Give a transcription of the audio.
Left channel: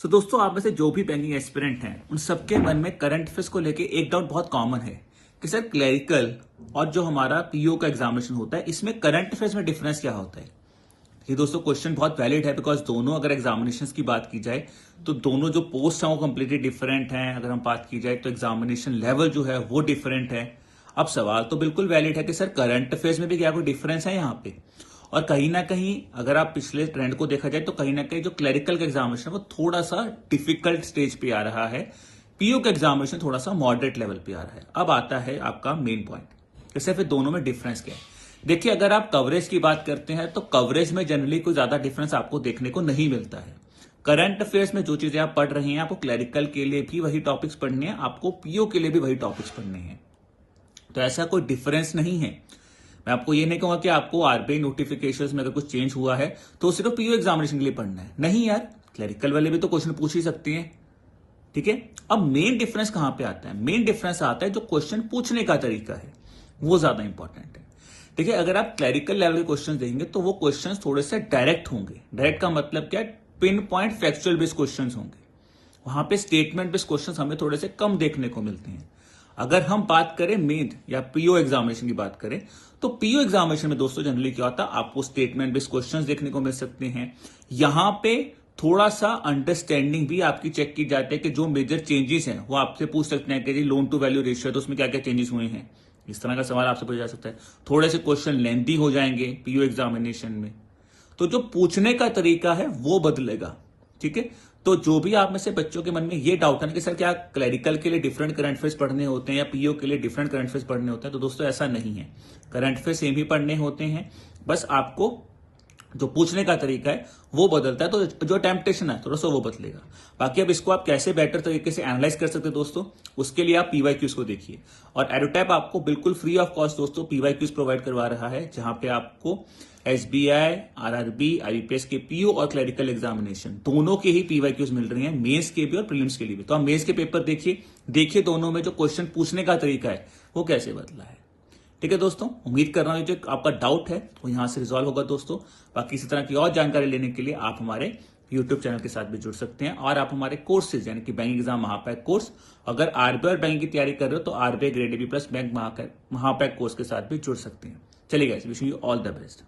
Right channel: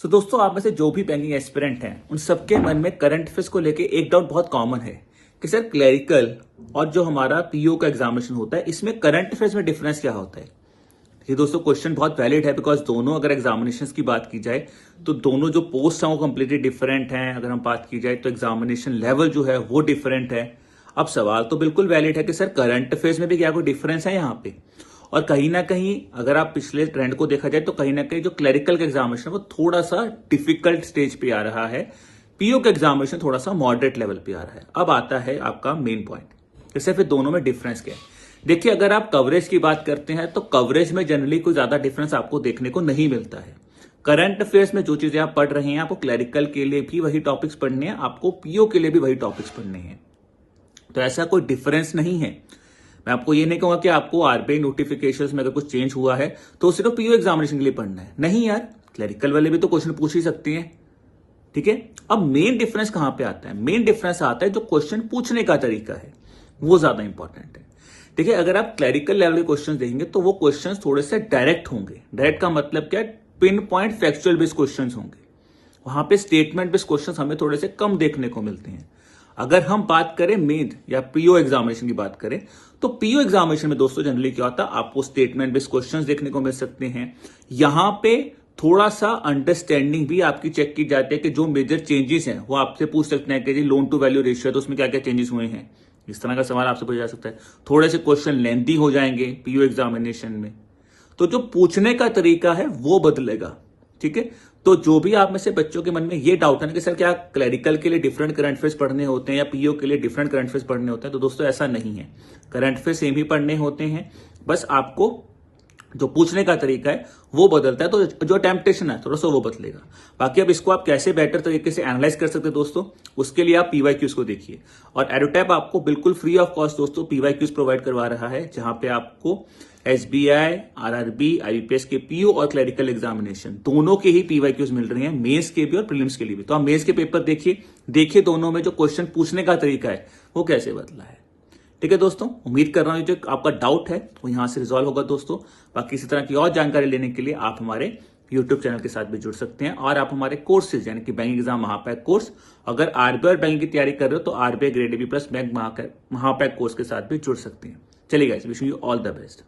सो दोस्तों, आप में से जो भी बैंकिंग एस्पिरेंट हैं उन सबके मन में करंट अफेयर्स को लेके एक डाउट बहुत कॉमन है कि सर क्लरिकल और जो हमारा पीओ का एग्जामिनेशन होता है इसमें करंट अफेयर्स में डिफरेंस क्या होता है। ये दोस्तों क्वेश्चन बहुत वैलिड है बिकॉज दोनों अगर एग्जामिनेशन की बात की जाए तो दोनों जो पोस्ट हैं वो कंप्लीटली डिफरेंट हैं। अगर हम बात की जाए तो एग्जामिनेशन लेवल जो है वो डिफरेंट है। अब सवाल तो बिल्कुल वैलिड है कि सर करंट अफेयर्स में भी क्या कोई डिफरेंस है यहाँ पे। और कहीं ना कहीं अगर आप पिछले ट्रेंड को देखा जाए तो कहीं ना कहीं जो क्लरिकल का एग्जामिनेशन वो थोड़ा सा डिफिकल्ट स्टेज पे आ रहा है, पीओ का एग्जामिनेशन थोड़ा सा मॉडरेट लेवल पे आ रहा है। अब आता है आपका मेन पॉइंट, जैसे फिर दोनों में डिफरेंस क्या है। देखिए, अगर आप कवरेज की बात करते हैं तो कवरेज में जनरली कोई ज्यादा डिफरेंस आपको देखने को नहीं मिलता है। करंट अफेयर्स में जो चीजें आप पढ़ रहे हैं आपको क्लरिकल के लिए भी वही टॉपिक्स पढ़ने हैं, आपको पीओ के लिए भी वही टॉपिक्स पढ़ने हैं, तो ऐसा कोई डिफरेंस नहीं है। मैं आपको ये नहीं कहूंगा कि आपको आरबीआई नोटिफिकेशंस में अगर कुछ चेंज हुआ है तो सिर्फ पीओ एग्जामिनेशन के लिए पढ़ना है, नहीं यार, क्लरिकल वाले भी तो क्वेश्चन पूछ ही सकते हैं। ठीक है, अब मेन डिफरेंस कहां पे आता है? मेन डिफरेंस आता है जो क्वेश्चन पूछने का तरीका है वो ज्यादा इंपॉर्टेंट है। देखिए, अगर आप क्लरिकल लेवल के क्वेश्चन देखेंगे तो वो क्वेश्चन थोड़े से डायरेक्ट होंगे। डायरेक्ट का मतलब क्या है? Pin point factual based question होंगे। वहां पे स्टेटमेंट बेस्ड क्वेश्चन हमें थोड़े से कम देखने को मिलते हैं। अगर हम बात करें मेन या पीओ एग्जामिनेशन की बात करें तो पीओ एग्जामिनेशन में दोस्तों जनरली क्या होता है, आपको स्टेटमेंट बेस्ड क्वेश्चंस देखने को मिल सकते हैं। यहां पे थोड़ा सा अंडरस्टैंडिंग भी आपकी चेक की जाती है कि जो मेजर चेंजेस हैं वो आपसे पूछ सकते हैं कि जी लोन टू वैल्यू रेशियो है तो उसमें क्या क्या चेंजेस हुए हैं, इस तरह का सवाल आपसे पूछा जा सकता है। थोड़े से क्वेश्चन लेंथी हो जाएंगे पीओ एग्जामिनेशन में, तो जो पूछने का तरीका है वो बदलेगा। ठीक है, तो जो भी आप में से बच्चों के मन में ये डाउट है ना कि सर क्या क्लरिकल के लिए डिफरेंट करंट अफेयर्स पढ़ने होते हैं या पीओ के लिए डिफरेंट करंट अफेयर्स पढ़ने होते हैं, तो दोस्तों ऐसा नहीं है। करंट अफेयर्स सेम ही पढ़ने होते हैं, बस आपको जो पूछने का तरीका है वो बदलता है, तो जो टेम्पटेशन है थोड़ा सा वो बदलेगा। बाकी अब इसको आप कैसे बेटर तरीके से एनालाइज कर सकते हैं दोस्तों, उसके लिए आप पीवाईक्यूज को देखिए। और एडोटैप आपको बिल्कुल फ्री ऑफ कॉस्ट दोस्तों पीवाईक्यूज प्रोवाइड करवा रहा है, जहां पे आपको एसबीआई, आरआरबी, आईपीएस के पीओ और क्लरिकल एग्जामिनेशन दोनों के ही पीवाईक्यूज मिल रहे हैं, मेंस के भी और प्रीलिम्स के लिए भी। तो आप मेंस के पेपर देखिए दोनों में जो क्वेश्चन पूछने का तरीका है वो कैसे बदला है। ठीक है दोस्तों, उम्मीद कर रहा हूं जो आपका डाउट है वो यहां से रिजॉल्व होगा दोस्तों। बाकी इसी तरह की और जानकारी लेने के लिए आप हमारे यूट्यूब चैनल के साथ भी जुड़ सकते हैं, और आप हमारे कोर्सेज यानी कि बैंकिंग एग्जाम महापैक कोर्स, अगर आरबीआई और बैंकिंग की तैयारी कर रहे हो तो RBI grade B plus bank महापैक कोर्स के साथ भी जुड़ सकते हैं। चलिए guys, wishing you all the best.